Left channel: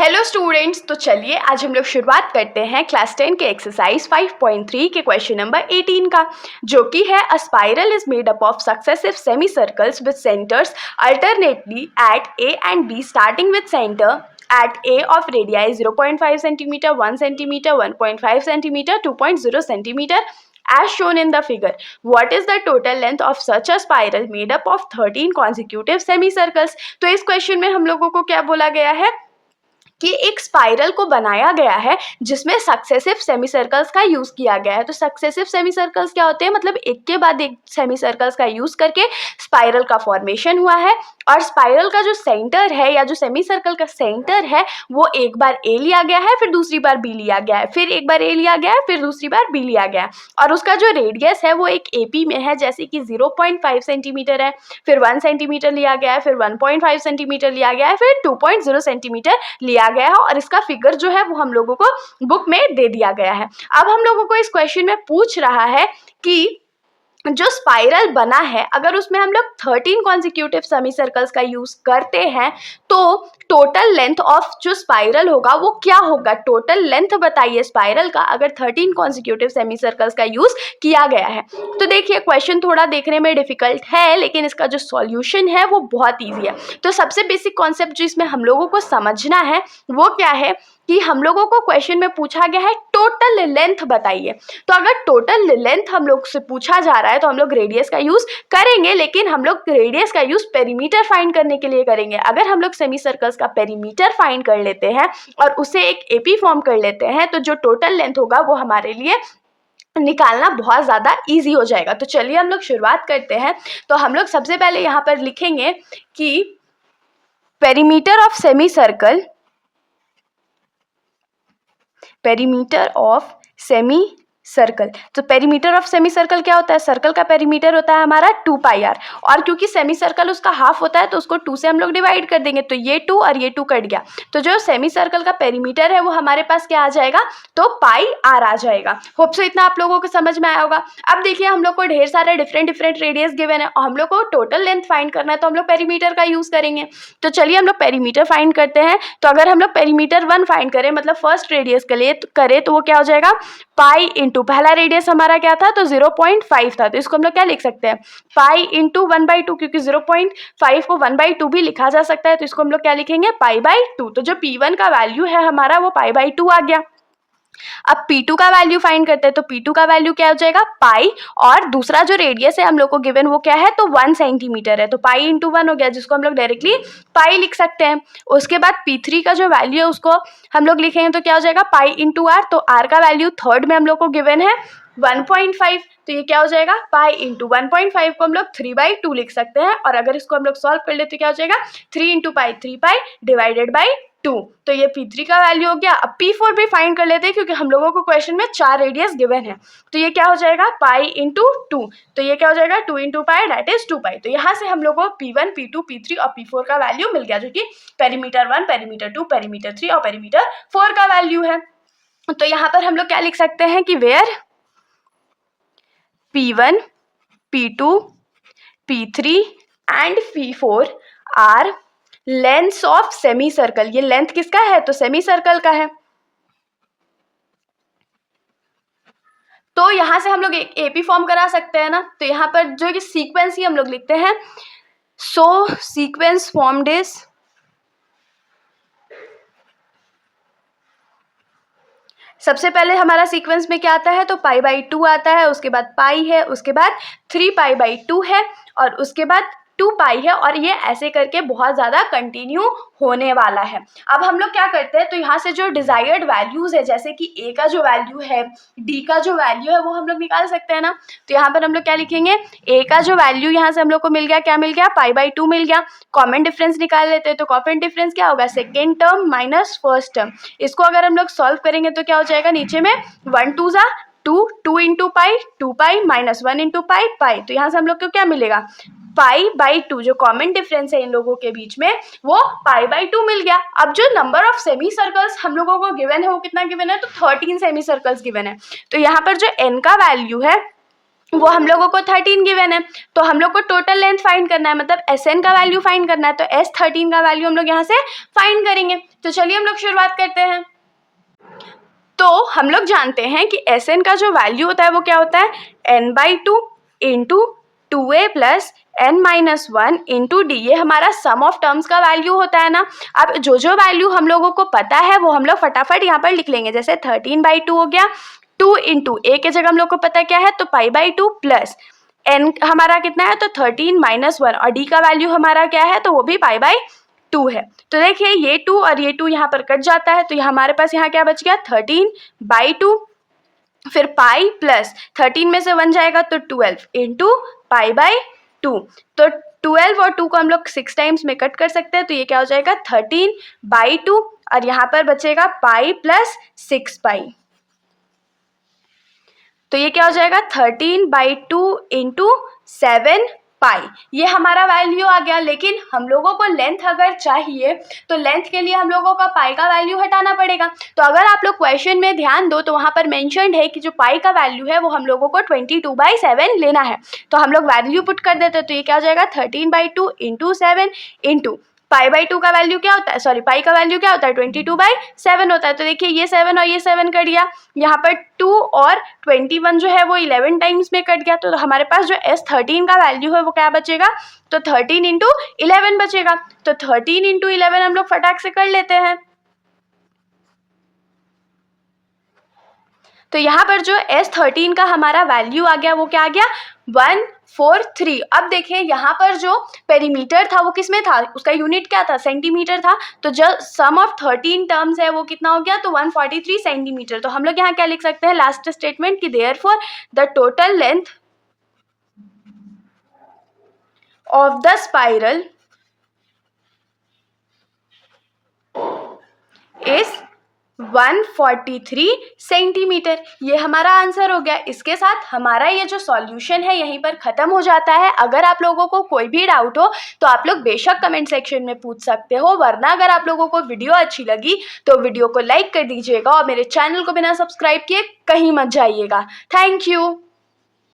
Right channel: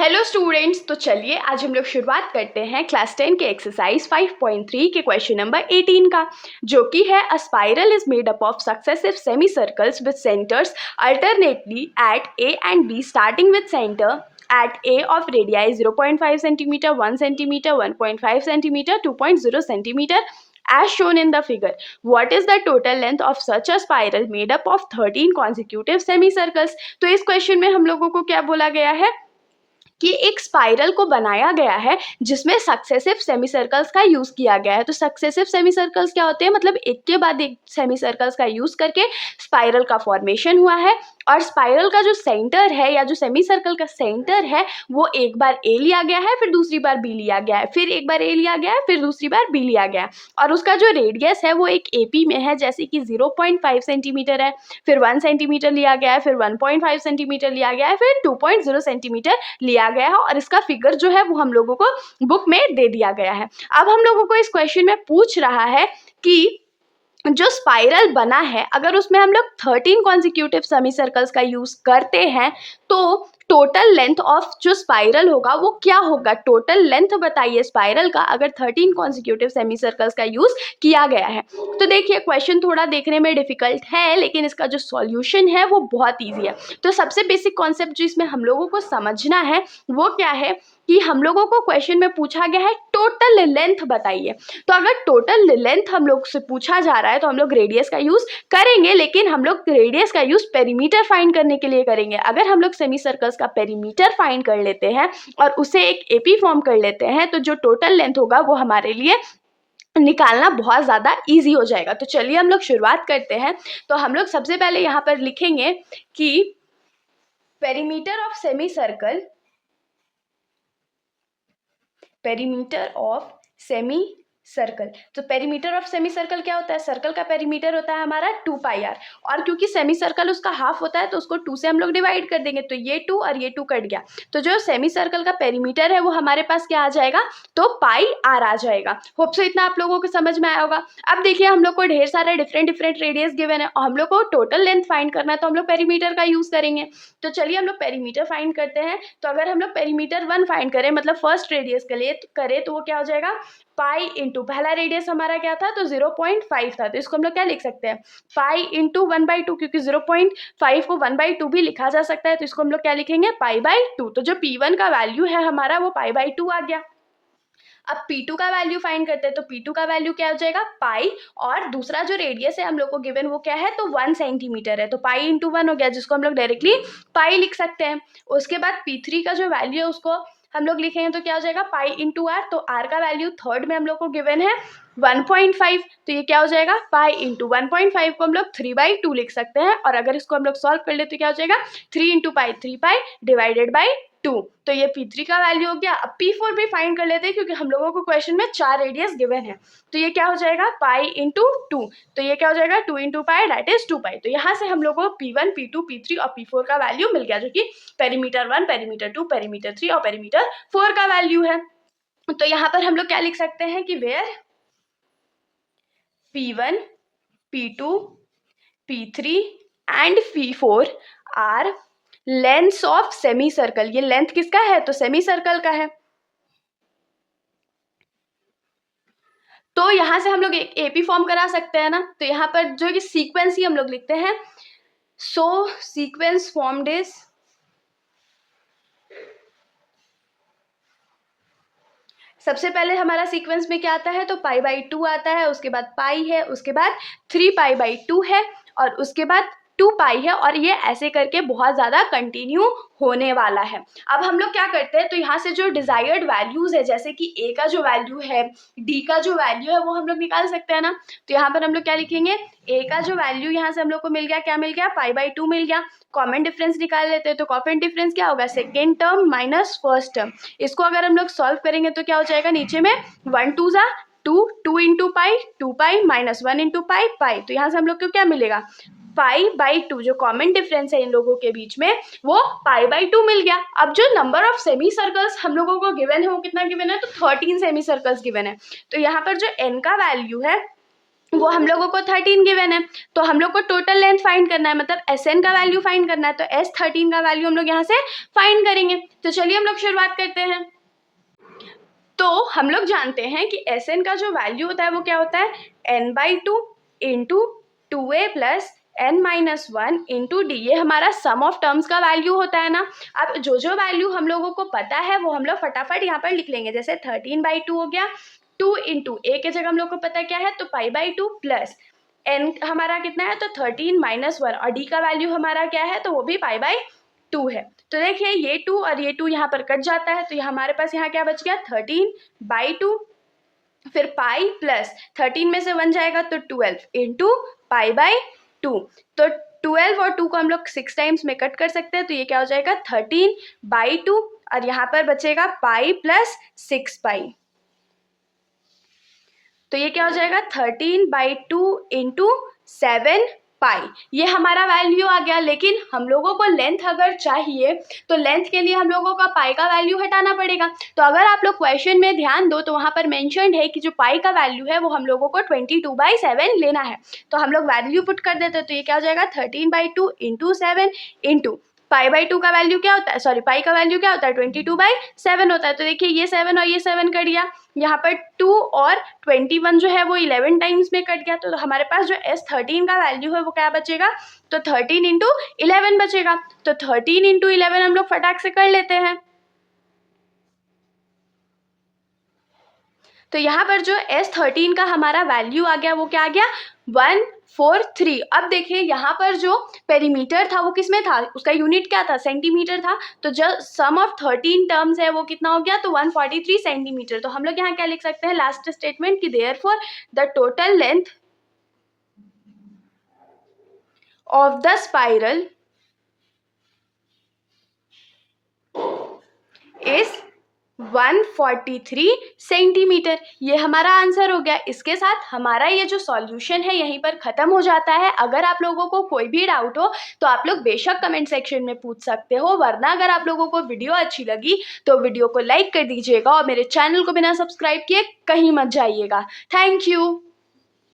Hello students, तो चलिए आज हम लोग शुरुआत करते हैं क्लास 10 के एक्सरसाइज 5.3 के क्वेश्चन नंबर 18 का, जो कि है a spiral is made up of successive semi circles with centres alternately at A and B starting with centre at A of radii 0.5 cm, 1 cm, 1.5 cm, 2.0 cm as shown in the figure. What is the total length of such a spiral made up of 13 consecutive semicircles? तो इस question में हम लोगों को क्या बोला गया है कि एक स्पाइरल को बनाया गया है जिसमें सक्सेसिव सेमी सर्कल्स का यूज किया गया है। तो सक्सेसिव सेमी सर्कल्स क्या होते हैं, मतलब एक के बाद एक सेमी सर्कल्स का यूज करके स्पाइरल का फॉर्मेशन हुआ है। और स्पाइरल का जो सेंटर है या जो सेमी सर्कल का सेंटर है वो एक बार ए लिया गया है, फिर दूसरी बार बी लिया गया है, फिर एक बार ए लिया गया है, फिर दूसरी बार बी लिया गया है। और उसका जो रेडियस है वो एक एपी में है, जैसे कि 0.5 सेंटीमीटर है, फिर 1 सेंटीमीटर लिया गया है, फिर 1.5 सेंटीमीटर लिया गया है, फिर 2.0 सेंटीमीटर लिया गया है। और इसका फिगर जो है वो हम लोगों को बुक में दे दिया गया है। अब हम लोगों को इस क्वेश्चन में पूछ रहा है कि जो स्पाइरल बना है अगर उसमें हम लोग 13 कॉन्सिक्यूटिव सेमी सर्कल्स का यूज करते हैं तो टोटल लेंथ ऑफ जो स्पाइरल होगा वो क्या होगा। टोटल लेंथ बताइए स्पाइरल का अगर 13 कॉन्सिक्यूटिव सेमी सर्कल्स का यूज किया गया है। तो देखिए क्वेश्चन थोड़ा देखने में डिफिकल्ट है, लेकिन इसका जो सॉल्यूशन है वो बहुत ईजी है। तो सबसे बेसिक कॉन्सेप्ट जो इसमें हम लोगों को समझना है वो क्या है कि हम लोगों को क्वेश्चन में पूछा गया है टोटल लेंथ बताइए। तो अगर टोटल लेंथ हम लोग से पूछा जा रहा है तो हम लोग रेडियस का यूज करेंगे, लेकिन हम लोग रेडियस का यूज पेरीमीटर फाइंड करने के लिए करेंगे। अगर हम लोग सेमी सर्कल्स का पेरीमीटर फाइंड कर लेते हैं और उसे एक एपी फॉर्म कर लेते हैं तो जो टोटल लेंथ होगा वो हमारे लिए निकालना बहुत ज़्यादा इजी हो जाएगा। तो चलिए हम लोग शुरुआत करते हैं। तो हम लोग सबसे पहले यहाँ पर लिखेंगे कि perimeter of semi circle, perimeter of semi circle. तो पेरीमीटर ऑफ सेमी सर्कल क्या होता है, सर्कल का पेरीमीटर होता है हमारा 2πr, और क्योंकि सेमी सर्कल उसका हाफ होता है तो उसको 2 से हम लोग डिवाइड कर देंगे, तो ये 2 और ये 2 कट गया। तो जो सेमी सर्कल का पेरीमीटर है वो हमारे पास क्या आ जाएगा, तो πr आ जाएगा। होप सो इतना आप लोगों को समझ में आया होगा। अब देखिए हम लोग को ढेर सारे डिफरेंट रेडियस गिवन है और हम लोग को टोटल लेंथ फाइंड करना है, तो हम लोग पेरीमीटर का यूज करेंगे। तो चलिए हम लोग पेरीमीटर फाइंड करते हैं। तो अगर हम लोग पेरीमीटर 1 फाइंड करें, मतलब फर्स्ट रेडियस के लिए करें, तो वो क्या हो जाएगा पाई इंटू, पहला रेडियस हमारा क्या था, तो 0.5 था, तो इसको हम लोग क्या लिख सकते हैं, पाई इंटू 1/2, क्योंकि 0.5 को 1/2 भी लिखा जा सकता है, तो इसको हम लोग क्या लिखेंगे, π/2। तो जो P1 का वैल्यू है हमारा वो π/2 आ गया। अब P2 का वैल्यू फाइंड करते हैं। तो P2 का वैल्यू क्या हो जाएगा, पाई, और दूसरा जो रेडियस है हम लोग को गिवन वो क्या है, तो 1 सेंटीमीटर है, तो पाई इंटू 1 हो गया, जिसको हम लोग डायरेक्टली पाई लिख सकते हैं। उसके बाद P3 का जो वैल्यू है उसको हम लोग लिखेंगे तो क्या हो जाएगा, पाई इंटू आर। तो आर का वैल्यू थर्ड में हम लोग को गिवन है 1.5, तो ये क्या हो जाएगा, पाई इंटू 1.5 को हम लोग 3/2 लिख सकते हैं। और अगर इसको हम लोग सॉल्व कर ले तो क्या हो जाएगा, 3 इंटू पाई 3π डिवाइडेड बाई 2। तो ये P3 का वैल्यू हो गया। अब P4 भी फाइंड कर लेते हैं क्योंकि हम लोगों को क्वेश्चन में 4 रेडियस गिवन है। तो ये क्या हो जाएगा, पाई इंटू 2, तो ये क्या हो जाएगा 2 इंटू पाई दैट इज 2π। तो यहाँ से हम लोगों को P1, P2, P3 और P4 का वैल्यू मिल गया, जो कि पेरीमीटर 1, पेरीमीटर 2, पेरीमीटर 3 और पेरीमीटर 4 का वैल्यू है। तो यहाँ पर हम लोग क्या लिख सकते हैं कि where P1, P2, P3 and P4 are length of semi circle. ये लेंथ किसका है, तो सेमी सर्कल का है। तो यहां से हम लोग एक एपी फॉर्म करा सकते हैं ना, तो यहाँ पर जो कि सीक्वेंस ही हम लोग लिखते हैं, सो सीक्वेंस फॉर्म्ड इज, सबसे पहले हमारा सीक्वेंस में क्या आता है, तो π/2 आता है, उसके बाद पाई है, उसके बाद 3π/2 है, और उसके बाद 2π है, और ये ऐसे करके बहुत ज़्यादा कंटिन्यू होने वाला है। अब हम लोग क्या करते हैं, तो यहाँ से जो डिजायर्ड वैल्यूज है, जैसे कि ए का जो वैल्यू है, डी का जो वैल्यू है, वो हम लोग निकाल सकते हैं ना। तो यहाँ पर हम लोग क्या लिखेंगे, ए का जो वैल्यू यहाँ से हम लोग को मिल गया, क्या मिल गया, π/2 मिल गया। कॉमन डिफरेंस निकाल लेते हैं, तो कॉमन डिफरेंस क्या होगा, second term minus first term. इसको अगर हम लोग सॉल्व करेंगे तो क्या हो जाएगा, नीचे में 1 2 जा 2, 2 into pi 2π minus 1 into pi pi. तो यहाँ से हम लोग को क्या मिलेगा, π/2, जो कॉमन डिफरेंस है इन लोगों के बीच में वो π/2 मिल गया। अब जो नंबर ऑफ सेमी सर्कल्स हम लोगों को गिवन है वो कितना गिवन है, तो 13 सेमी सर्कल्स गिवन है। तो यहाँ पर जो n का वैल्यू है वो हम लोगों को 13 गिवन है, तो हम लोग को टोटल लेंथ फाइंड करना है, मतलब SN का वैल्यू फाइंड करना है, तो S13 का वैल्यू हम लोग यहाँ से फाइंड करेंगे। तो चलिए हम लोग शुरुआत करते हैं। तो हम लोग जानते हैं कि SN का जो वैल्यू होता है वो क्या होता है, n/2 into 2a plus n-1 into D, ये हमारा सम ऑफ टर्म्स का वैल्यू होता है ना। अब जो जो वैल्यू हम लोगों को पता है वो हम लोग फटाफट यहाँ पर लिख लेंगे। जैसे 13/2 हो गया, 2 इंटू ए के जगह हम लोग को पता क्या है, तो π/2 प्लस n हमारा कितना है, तो 13-1, और डी का वैल्यू हमारा क्या है, तो वो भी π/2 है। तो देखिए ये 2 और ये 2 यहाँ पर कट जाता है, तो हमारे पास यहाँ क्या बच गया, 13/2, फिर पाई प्लस 13 में से 1 जाएगा तो 12 इंटू π/2। तो 12 और 2 को हम लोग 6 टाइम्स में कट कर सकते हैं, तो ये क्या हो जाएगा 13/2, और यहाँ पर बचेगा पाई प्लस 6 पाई, तो ये क्या हो जाएगा 13/2 इंटू 7 पाई, ये हमारा वैल्यू आ गया। लेकिन हम लोगों को लेंथ अगर चाहिए तो लेंथ के लिए हम लोगों का पाई का वैल्यू हटाना पड़ेगा। तो अगर आप लोग क्वेश्चन में ध्यान दो तो वहाँ पर मेंशन्ड है कि जो पाई का वैल्यू है वो हम लोगों को 22/7 लेना है। तो हम लोग वैल्यू पुट कर देते, तो ये क्या हो जाएगा 13/2 इंटू 7 इंटू π/2 का वैल्यू क्या होता है, सॉरी पाई का वैल्यू क्या होता है 22/7 होता है। तो देखिए ये 7 और ये 7 कट गया, यहाँ पर 2 और 21 जो है वो 11 टाइम्स में कट गया, तो हमारे पास जो S13 का वैल्यू है वो क्या बचेगा, तो 13 इंटू 11 बचेगा। तो 13 इंटू 11 हम लोग फटाक से कर लेते हैं। तो यहाँ पर जो S13 का हमारा वैल्यू आ गया वो क्या आ गया 143। अब देखिए यहाँ पर जो पेरीमीटर था वो किस में था, उसका यूनिट क्या था, सेंटीमीटर था। तो जो सम ऑफ 13 टर्म्स है वो कितना हो गया, तो 143 सेंटीमीटर। तो हम लोग यहाँ क्या लिख सकते हैं लास्ट स्टेटमेंट की, therefore the total length of the spiral is 143 centimetre. ये हमारा आंसर हो गया। इसके साथ हमारा ये जो सॉल्यूशन है यहीं पर ख़त्म हो जाता है। अगर आप लोगों को कोई भी डाउट हो तो आप लोग बेशक कमेंट सेक्शन में पूछ सकते हो, वरना अगर आप लोगों को वीडियो अच्छी लगी तो वीडियो को लाइक कर दीजिएगा और मेरे चैनल को बिना सब्सक्राइब किए कहीं मत जाइएगा। Thank you.